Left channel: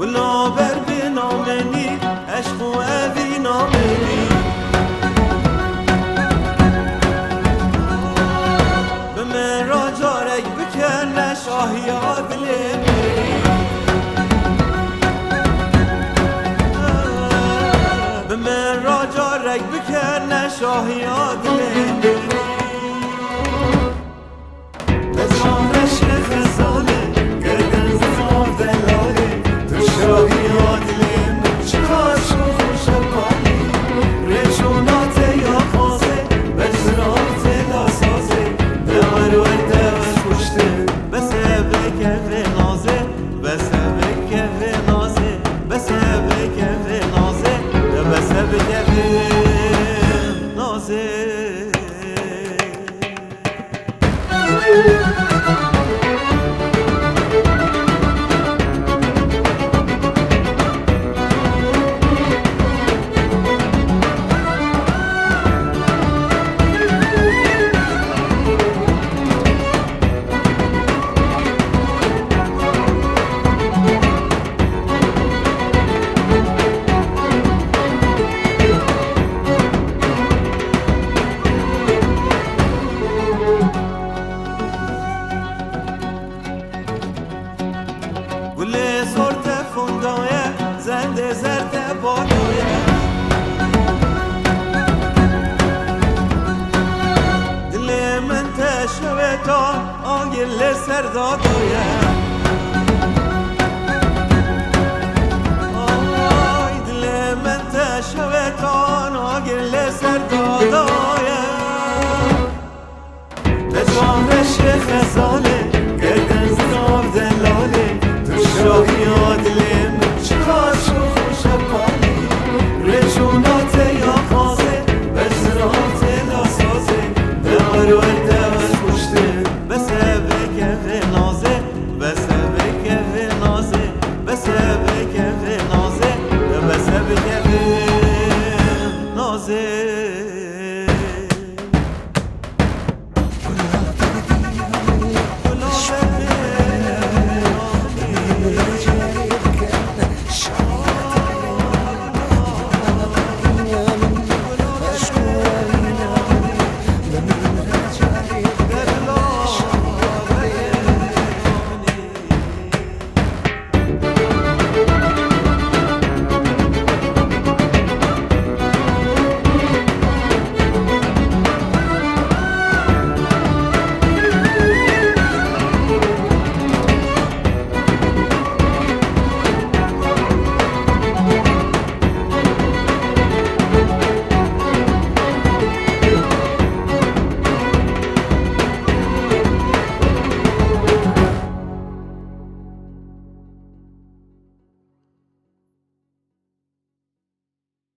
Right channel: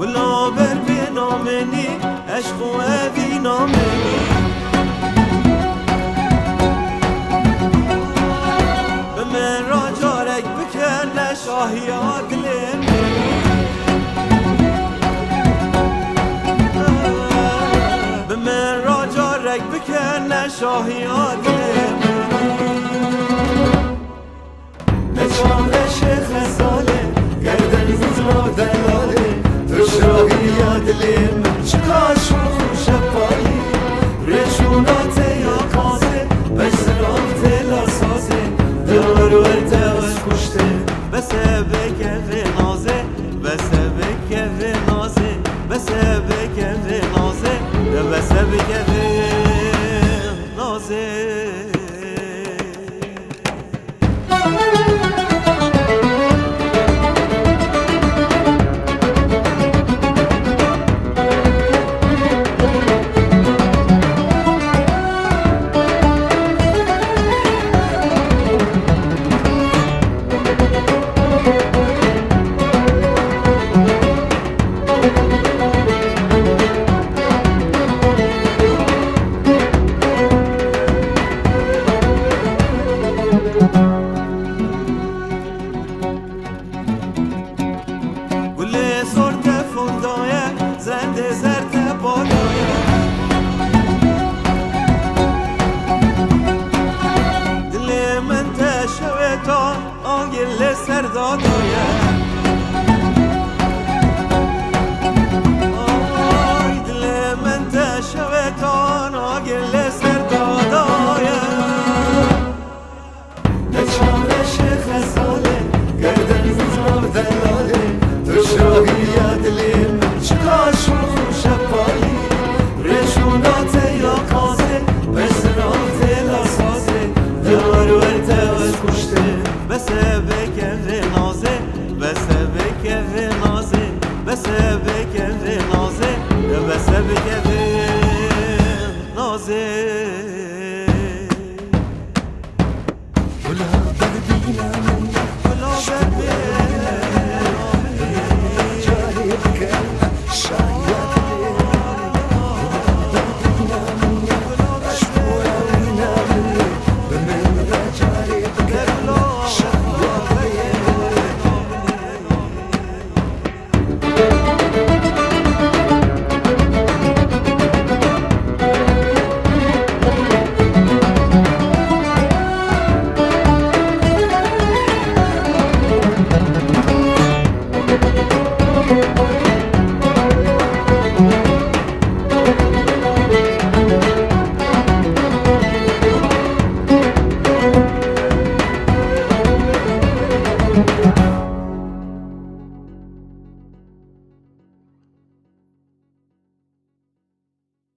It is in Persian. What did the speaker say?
ولا بر بنامنی عشق و اوی نامنی به من را جارک بکن شاهی دل منی به من را جارک بکن شاهی دل منی به جاق شیخ زاله گردن زنار دلاله تو شاهی دلم چخاش و خوش بالی رشونات یا قازه بسراف دلا سازه دور ورده و پشته بسه بکه نازه بسه بکه نازه بسه بکه نازه بسه بکه نازه گل سرت فندایه زنده زرد بادایه دل من تشویتان آگل سردادایه آی دل من تشویتان آگل سردادایه نشاق شیخ زاله گردن زنار دلاله شاهی دلم چخاش و خوش بالی رشونات یا قازه بسراف دلا سازه دور ورده و پشته بسه بکه نازه بسه بکه نازه بسه بکه نازه بسه بکه نازه